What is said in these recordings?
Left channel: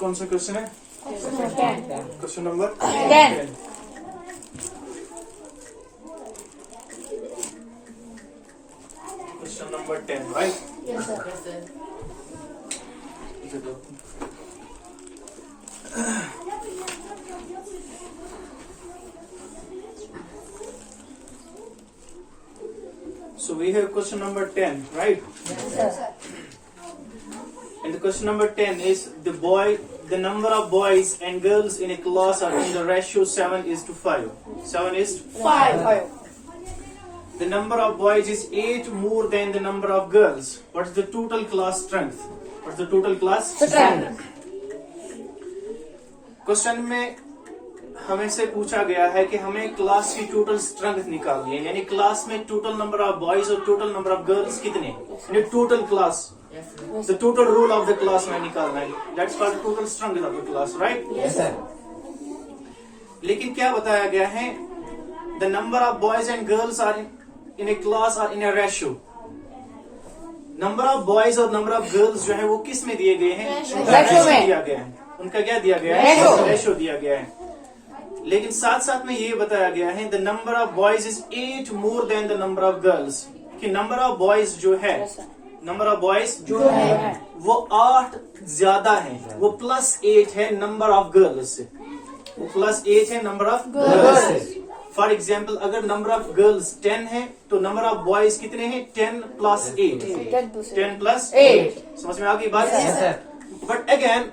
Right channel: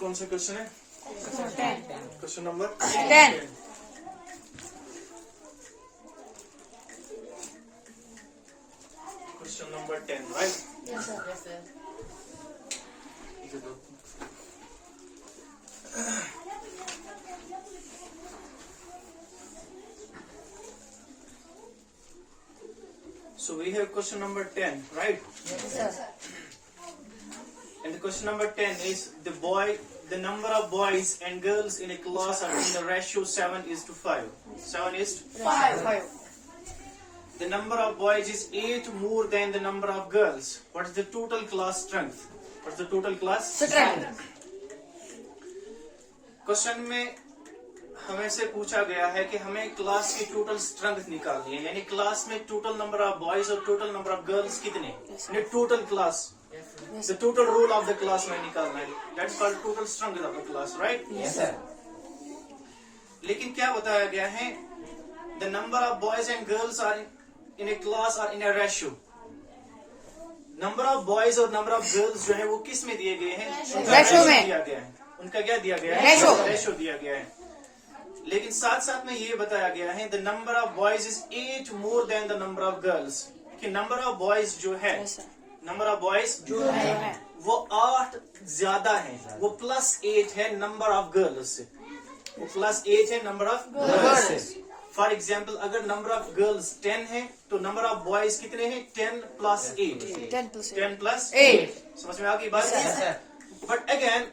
कौन सा क्वेश्चन है? Question number 10. Question number 10, right? Yes, sir. So we have question number 10, right? Yes, sir. And the question number 10 is the number of boys and girls in a class are in the ratio 7:5. 7 is to 5. the number of boys is 8 more than the number of girls. What is the total class strength? What is the total class Strength. Question में हमें से पूछा गया है कि हमें class की total strength निकालनी है, यानी क्लास में टोटल नंबर ऑफ बॉयज और टोटल नंबर ऑफ गर्ल्स कितने, यानी total class, the total roll of the class में निकालना है. That's called total strength of the class, right? Yes, sir. लेकिन क्या बताया गया है? The number of boys and girls are in a class are in a ratio. Number of boys और number of girls जो है वो किस में दिए गए हैं? उनका रेशियो में दिया गया है. उनका क्या दिया गया है? रेशियो दिया गया है. लेकिन साथ साथ में ये बताया गया है the number of boys is 8 more than the number of girls, कि नंबर ऑफ बॉयज जो है, नंबर ऑफ बॉयज जो है वो 8 ज्यादा है, वो +8 है नंबर ऑफ गर्ल्स से, वो +8 है नंबर ऑफ गर्ल्स से. फॉर एग्जाम्पल अगर नंबर ऑफ गर्ल्स 10 है तो नंबर ऑफ बॉयज कितने हैं? 10 + 8. 10 + 8. समझ में आ गई बात? बट अगेन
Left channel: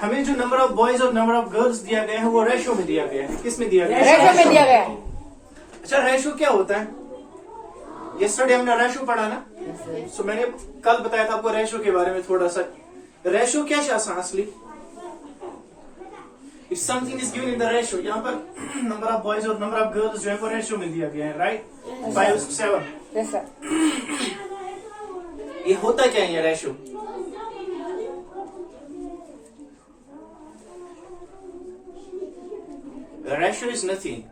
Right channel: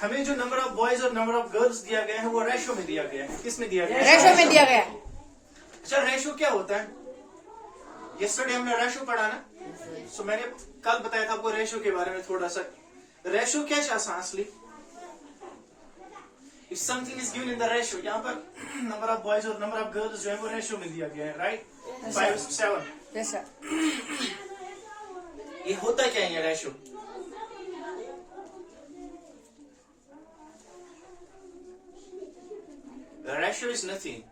हमें जो नंबर ऑफ बॉयज और नंबर ऑफ गर्ल्स दिया गया है वो रेशियो में दिया गया है. किस में दिया गया है? रेशियो में दिया गया. अच्छा, रेशियो क्या होता है? यस्टरडे हमने रेशियो पढ़ा ना. सो मैंने कल बताया था आपको रेशियो के बारे में थोड़ा सा. रेशियो क्या है असली? If something is given in the ratio, यहाँ पर नंबर ऑफ बॉयज और नंबर ऑफ गर्ल्स जो है वो रेशियो में दिया गया है, राइट? 5:7. Yes, sir. ये होता क्या है ये रेशियो? रेशियो इज नथिंग,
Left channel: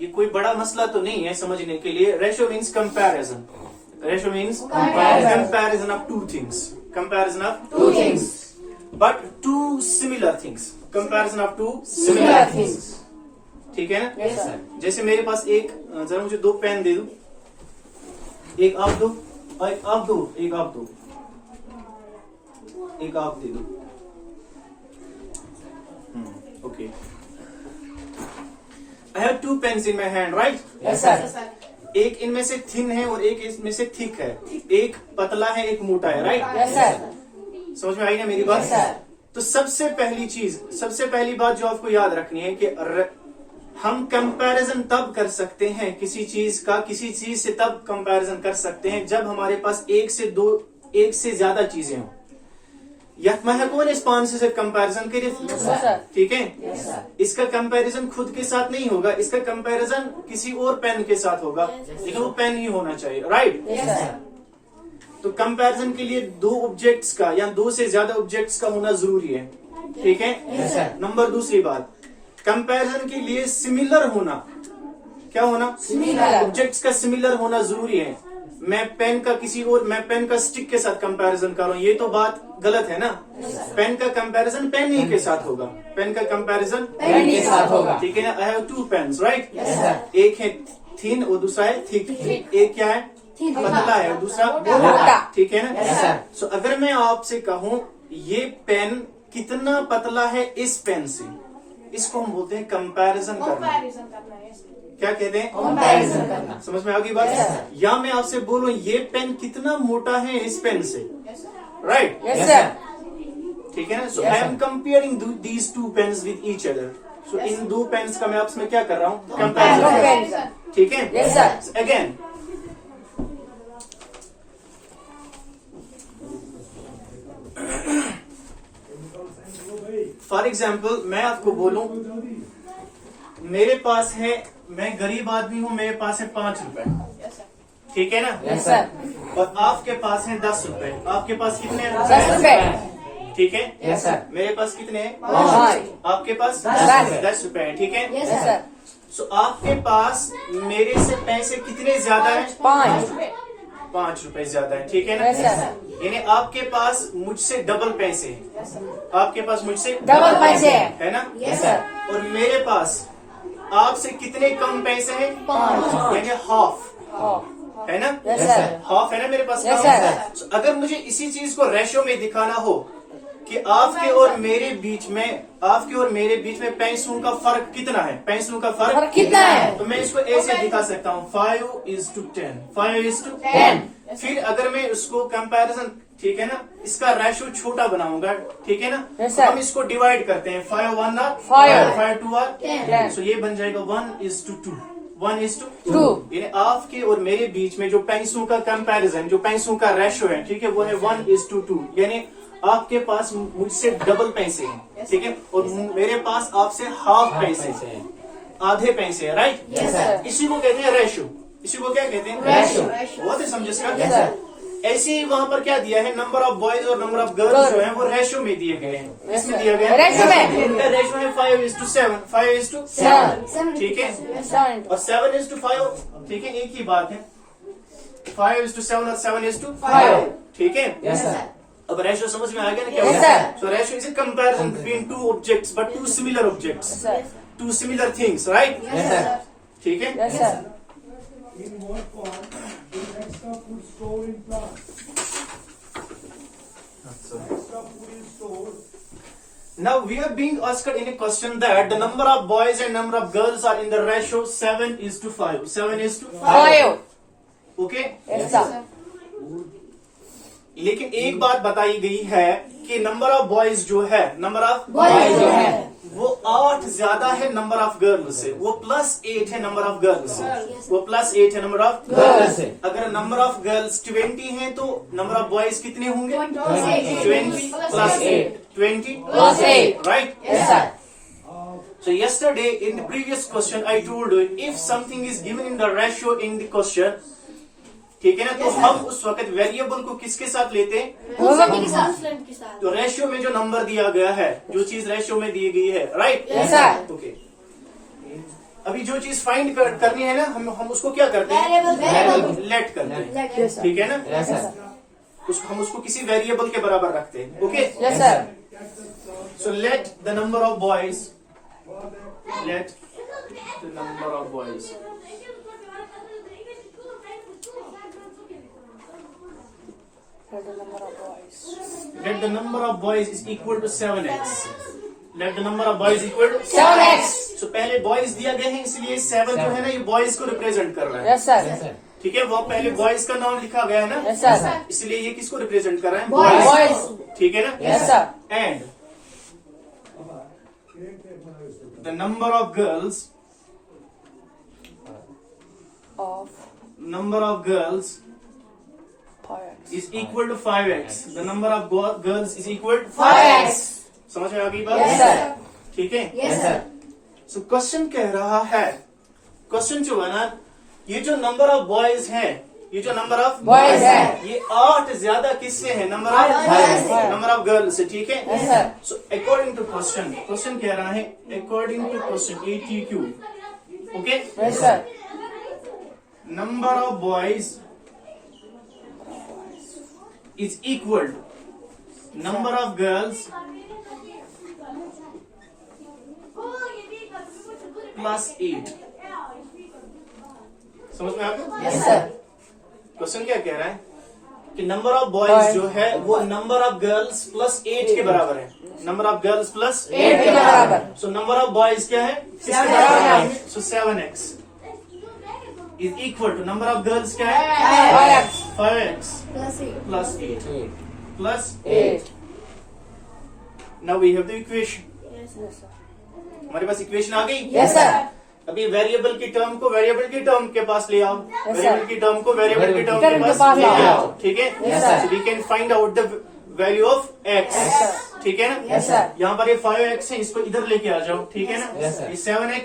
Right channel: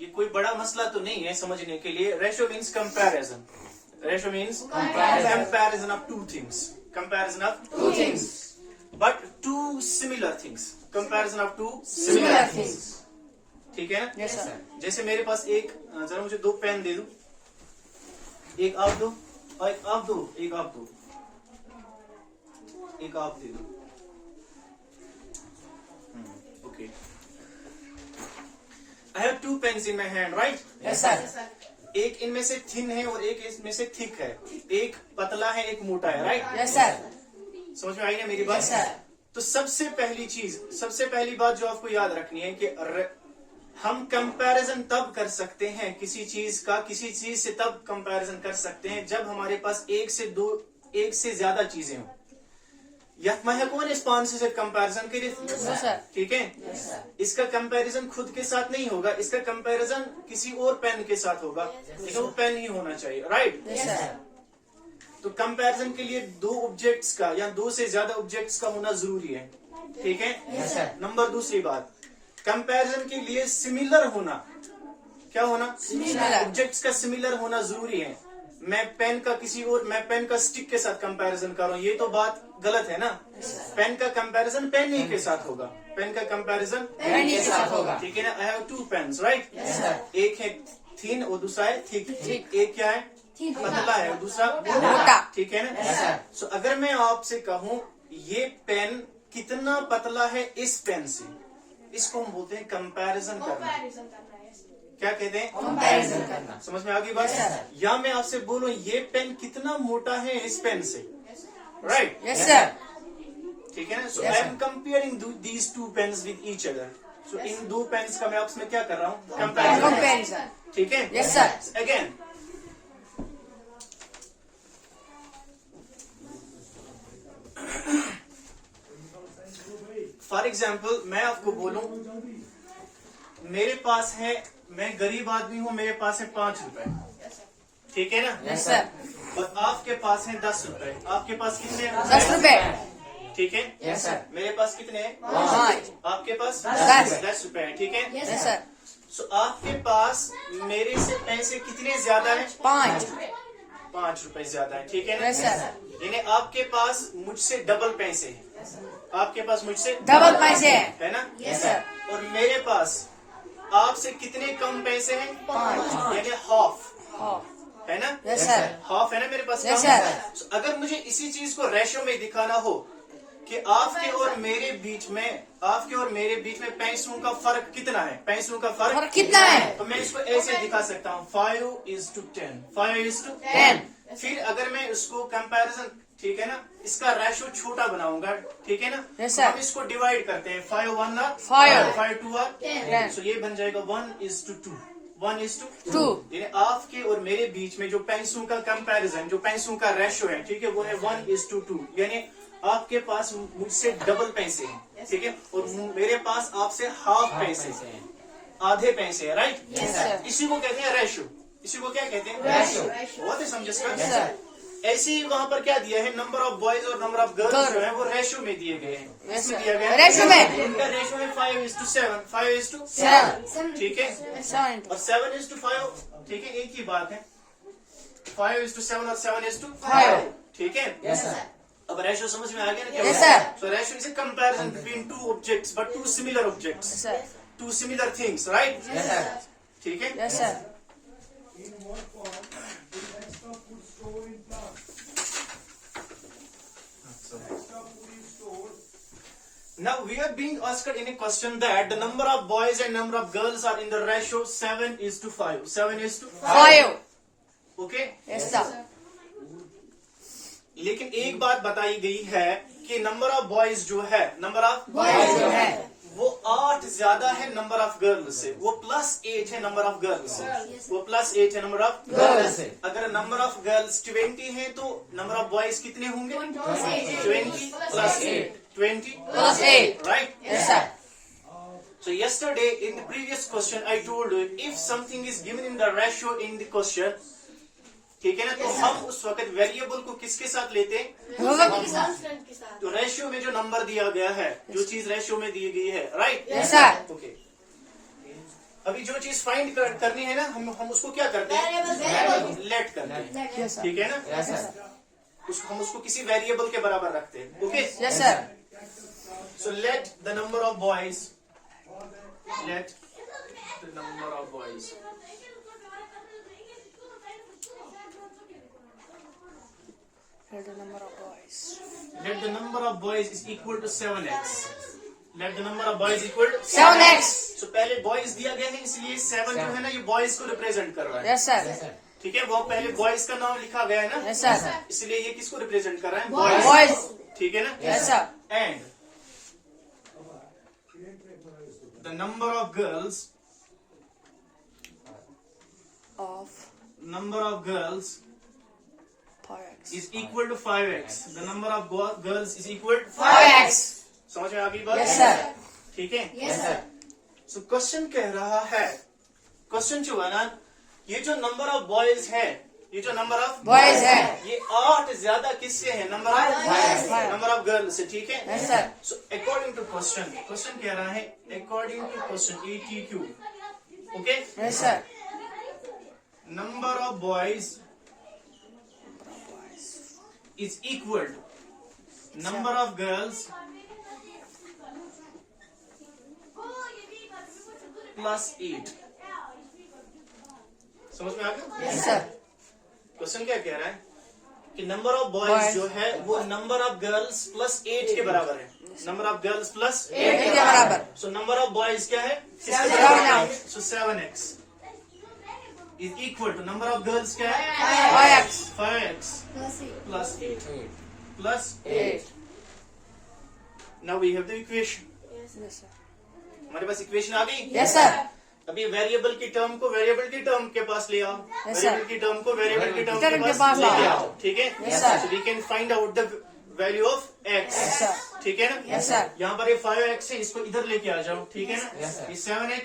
ये कोई बड़ा मसला तो नहीं है समझने के लिए. Ratio means comparison. Ratio means comparison of two things. Comparison of two things, but two similar things. Comparison of two similar things. ठीक है ना? Yes, sir. जैसे मेरे पास एक, जरा मुझे 2 पेन दे दो. एक आप दो और एक आप दो, एक आप दो, एक आप दे दो. Okay. I have 2 pens in my hand, right? Yes, sir. एक इनमें से थिन है और एक इसमें से थिक है. एक पतला है, एक मोटा है, राइट? Yes, sir. समझ में आई ना मेरी बात? Yes, sir. तो सबसे पहली बात जो आपको याद रखनी है कि हम कंपैरिजन तब कर सकते हैं किसी चीज का, किसी चीज से तब कंपैरिजन कर सकते हैं जब हमारे पास एक से ज्यादा चीजें हों. यह कौन इस पान से कंपैरिजन करे? ठीक है? Yes, sir. इसका कंपैरिजन खुद के साथ नहीं होगा, इसका कंपैरिजन किसी और पेन के साथ होगा, लेकिन वो पेन ही होना चाहिए, राइट? Yes, sir. तो कंपैरिजन के लिए 2 ऑब्जेक्ट्स का या 2 से ज्यादा ऑब्जेक्ट्स का होना जरूरी है. ठीक है? Yes, sir. नंबर दूसरी बात, कंपैरिजन के लिए सिमिलर होना. क्या होना? Similar. ऑब्जेक्ट्स का सिमिलर होना जरूरी है. मैं पेन का स्टिक के साथ कंपैरिजन कर रहा हूँ, ये तो बात गलत है ना. पेन का कंपैरिजन पेन ही के साथ होगा. पेन का कंपैरिजन पेन के साथ होगा. ठीक है ना? I have 2 pens, right? Yes, sir. एक है थिन और दूसरा है थिक. एक क्या है? पतला है और दूसरा मोटा. ठीक है ना? Yes, sir. सो अगर मैं आपसे कहूँ ये पेन कितना पतला है इस पेन से, इसको हम बोलते हैं कंपैरिजन करना. क्या कहते हैं? Comparison करना. समझ में आ गई बात? Yes, sir. या मैं आपसे बोलूं ये पेन कितना मोटा है इस पेन से, राइट? Yes, sir. ठीक है ना? So Yes, I sir. Am comparing these 2 pens with each other. So in 2 pens का मैं आपसे क्या कर रहा हूँ? Two comparison. pens. ठीक है? Yes, sir. Again for example मैं आपको बोलूं मेरे पास है, मैं गरीब आदमी हूं, मेरे पास है 5 रुपए. ठीक है ना? Yes, sir. और आपके पास है 10 रुपए. आपके पास कितने हैं? 10 रुपए. ठीक है? Yes, sir. मेरे पास कितने हैं? 5. आपके पास 10 रुपए हैं. ठीक है? Yes, sir. सो आपके पास मेरे से पैसे कितने ज्यादा है? 5. ₹5 ज्यादा है, ठीक है ना? Yes, sir. यानी आपके पास मुझसे डबल पैसे हैं, आपके पास मुझसे डबल पैसे हैं। है ना? Yes, sir. और मेरे पास आपसे कितने कम पैसे हैं? 5, यानी हाफ, है ना? Yes, sir. हाफ है ना मेरे पास? Yes, कम? sir. So, अगर मुझे इसी चीज को रेशो में दिखाना हो कि आपके और मेरे बीच में पैसों का फर्क कितना है, पैसों का फर्क फर्क कितना है? तो मैं इसको ऐसे दिखा सकता हूँ 5:10, 5:10। फिर अगर मैं उसको कंपैरिजन, ठीक है ना, इसका रेशो छोटा बनाऊंगा, ठीक है ना? Yes, तो sir. हम इसको डिवाइड करते हैं, 5 1 5, 5 2 10. तो ये बन जाएगा 1:2, 1:2। 2. यानी आपके और मेरे बीच में जो पैसों का कंपैरिजन, जो पैसों का रेशो है, ठीक है, वो है 1:2। यानी आपके पास मुझसे डबल पैसे हैं, ठीक है, और मेरे पास आपसे हाफ पैसे हैं, आधे पैसे हैं, राइट? Yes, sir. इसी को कहते हैं रेशो। इसी को क्या कहते हैं? Ratio. बहुत ही समझे इसका? Yes, sir. ऐसे ही वहाँ पर क्या दिया है, नंबर ऑफ बॉयज और नंबर ऑफ गर्ल्स Girl. जो है वो रेशो में दिए गए हैं। Yes, इसमें sir. दिया गया है Ratio में। रेशो है 5:7, 5:7, ठीक है, और 7:5, ठीक है, एक ही बात है, 5:7 और 7:5, ठीक है? Yes, sir. अब रेशो समझ में आ गया ना क्या? Yes, sir. So ratio is a comparison between two objects, but two similar objects, Yes, sir. two similar things, right? Yes, sir. ठीक है? Yes, sir. In what form is extra food stored in plant? Extra food is stored. Now we are being asked in a question that the number of boys and number of girls are in the ratio 7:5. 7:5. 5. Okay? Yes, sir. लेकिन एक बात बताई गई है कि number of boys जो है, number of Boys जो है, वो 8 ज्यादा है नंबर ऑफ गर्ल्स से, वो +8 है नंबर ऑफ गर्ल्स से, वो +8 है नंबर ऑफ Girls से। अगर नंबर ऑफ गर्ल्स 20 है तो नंबर ऑफ बॉयज कितने होंगे? 20 + 8, 20 Plus 8. right? Yes, sir. So yesterday in the previous question I told you if something is given in the ratio in the question, ठीक है ना, तो हम उस वक्त वेरिएबल को किसके साथ लेते हैं? तो रेशियो में जो नंबर दिया गया है, जो चीज रेशियो में दी गई है, राइट? Yes, sir. ओके। अभी जो चीज फाइंड करनी है ना, हम उसको क्या करते हैं? लेट करते हैं, ठीक है ना? Yes, sir. हम उसको किसी वेरिएबल के बराबर रखते हैं, okay? Yes, sir. So let the number of boys, let the number of boys let the number of boys is equal to 7x. Let the number of boys equal to 7x. So पहले boys दिया गया है, इसलिए 7 जो है ना, ये boys को रिप्रेजेंट कर रहा है, Yes, sir. ठीक है? वो पहले boys का नाम लिखा गया है ना, Yes, sir. इसलिए ये किसको रिप्रेजेंट कर रहा है? Boys. ठीक है ना? Yes, sir. And the number of girls, number of girls 5x. is equal to 5x. The number of girls is equal to 5x. समझ में आ गई बात? Yes, sir. ठीक है? Yes, sir. सो क्वेश्चन कह रहा है, क्वेश्चन जो है ना, ये जो नंबर ऑफ बॉयज है, ये जो नंबर ऑफ Boys है, ये 8 ज्यादा किससे है? नंबर ऑफ गर्ल्स से, ठीक है? Yes, sir. So according to question, question कह रहा है according to question ATQ, okay, Yes, sir. Number of boys is equal to number of girls plus 8. समझ में आपको? Yes, sir. क्वेश्चन क्या कह रहा है कि नंबर ऑफ बॉयज जो है वो नंबर ऑफ गर्ल्स प्लस 8 के बराबर है, नंबर ऑफ गर्ल्स प्लस 8 के बराबर। सो नंबर ऑफ बॉयज क्या है? 7x. So 7x is equal to number of girls क्या है? 5x. 5x plus 8 plus 8. now we have the equation. Yes, sir. हमारे पास इक्वेशन आ गई। Yes, sir. अभी variable की टर्म को वेरिएबल की टर्म के पास ले आओ, Yes, sir. वेरिएबल की टर्म को वेरिएबल की टर्म के पास ले आओ, ठीक है? Yes, sir. We can find out the value of x, ठीक है ना? Yes, sir. यहाँ पर ये 5x है, इसको इधर लेके आ जाओ, ठीक है ना? Yes, sir. ये 7x,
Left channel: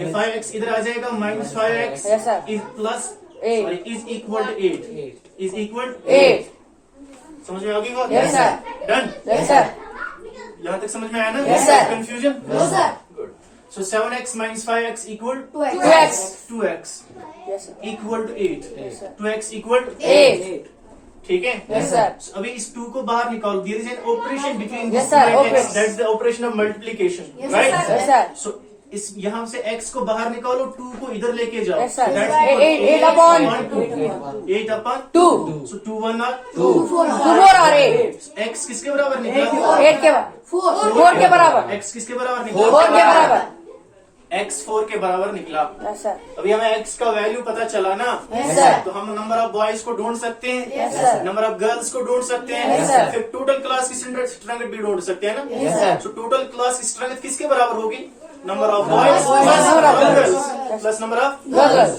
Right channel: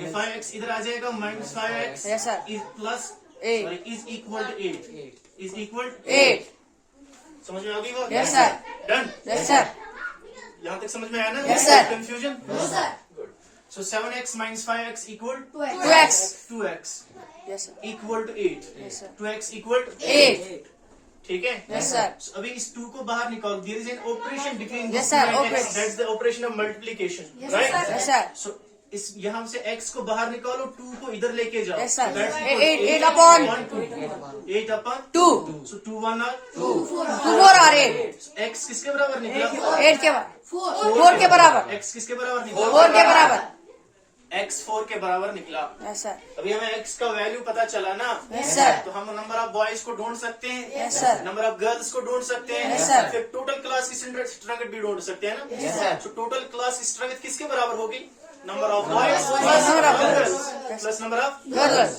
ये 5x इधर आ जाएगा, minus 5x Yes, sir. Is plus 8. Is equal to 8, is equal 8. समझ में आ गई बात? Yes, sir. Done. Yes, sir. यहाँ तक समझ में आया ना? Yes, sir. Confusion? No, sir. Good. So 7x minus 5x equal 2x. 2x Yes, sir. equal to 8. Yes, sir. 2x equal to 8. ठीक है? Yes, sir. So, अभी इस 2 को बाहर निकालो. There is an operation between Yes, this 2 sir. and x. Okay. That's the operation of multiplication, right? Yes, sir. So इस यहाँ से x को बाहर निकालो, 2 को इधर लेके जाओ. Yes, sir. So that's Eight- equal to eight upon 8 upon 2. So 2 1 are 4 और 8. x किसके बराबर निकला? 8 के बराबर. 4 के बराबर. x किसके बराबर निकला? 4 के बराबर. x 4 के बराबर निकला. Yes, sir. अभी हमें x का वैल्यू पता चला ना. Yes, sir. तो हम नंबर ऑफ बॉयज को ढूंढ सकते हैं. Yes, sir. Number of girls को ढूंढ सकते हैं. Yes, sir. फिर टोटल क्लास की स्ट्रेंथ भी ढूंढ सकते हैं ना. Yes, sir. तो टोटल क्लास की स्ट्रेंथ किसके बराबर होगी? Number of boys Boys plus number of plus girls plus number of Girls.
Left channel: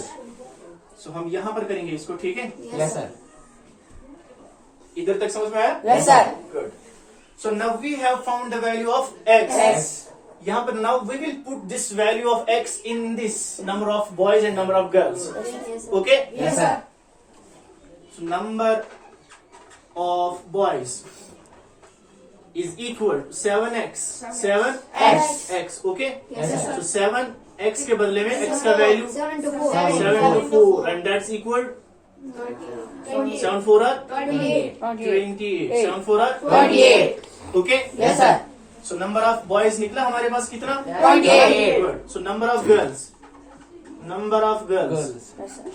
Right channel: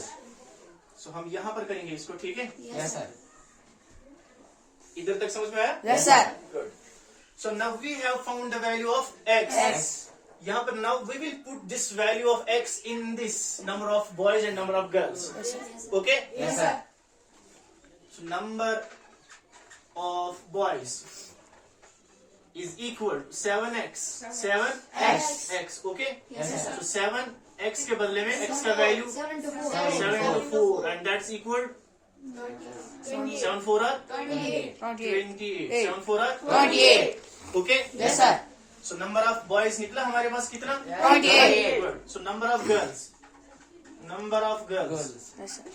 सो हम यहाँ पर करेंगे इसको. ठीक है, Yes, sir. इधर तक समझ में आया? Yes, sir. Good. So now we have found the value of x. यहाँ पर now we will put this value of x in this number of boys and number of girls. Okay. Yes, sir. So number of boys is equal to 7x. 7x. Okay. Yes, sir. So 7x के बदले में x का value 7 to 4. 7 to 4 and that's equal 7 4 are 28. 28. 7 4 are 28. Okay. Yes, sir. So number of boys निकला हमारे पास कितना? 28. Good. So number of girls. Number of girls Girls. Yes, sir.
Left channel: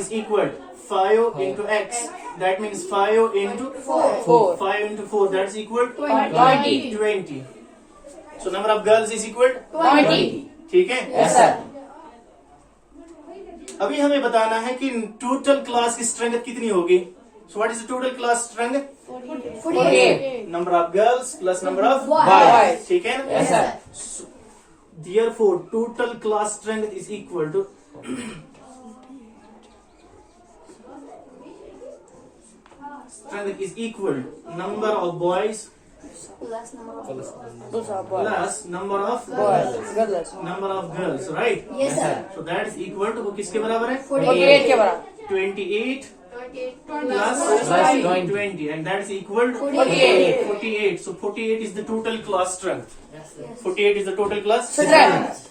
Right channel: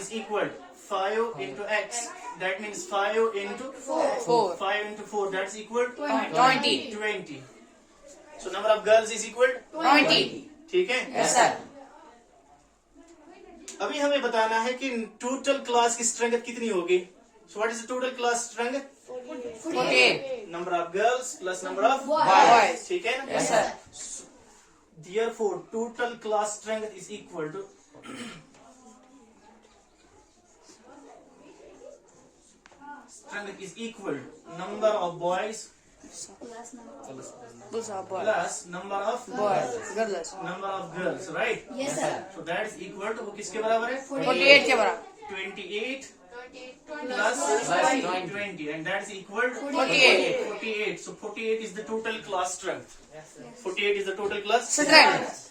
is equal to 5 into x. That means 5 into 4. 5 into 4. That's equal to 20. 20. So number of girls is equal to 20. ठीक है. Yes, sir. अभी हमें बताना है कि total class की strength कितनी होगी. So what is the total class strength? 48. Number of girls plus number of Boys. ठीक है ना. Yes, sir. So, therefore total class strength is equal to strength is equal to number of boys Plus number of Those are boys. plus number of Boys. Girls. number of girls, right? Yes, sir. So that is equal to वो किसके बराबर है? 48 के बराबर. 28 Plus plus 20. 20 and that is equal to 48. 48. So 48 is the total class strength. 48 is the total class Strength.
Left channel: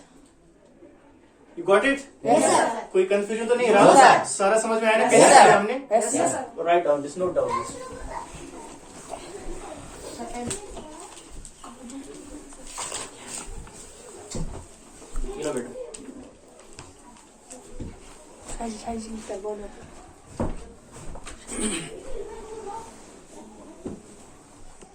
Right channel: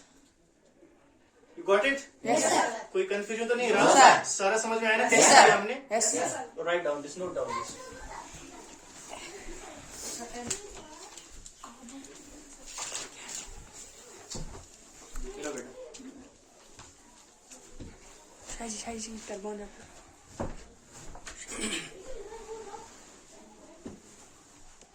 You got it? Yes, sir. कोई confusion तो नहीं No, रहा? sir. सारा समझ में आया ना Yes, कैसे sir. किया हमने? Yes, sir. Write down this, note down this. ये लो बेटा. Hi, hi, बोल रहा हूँ.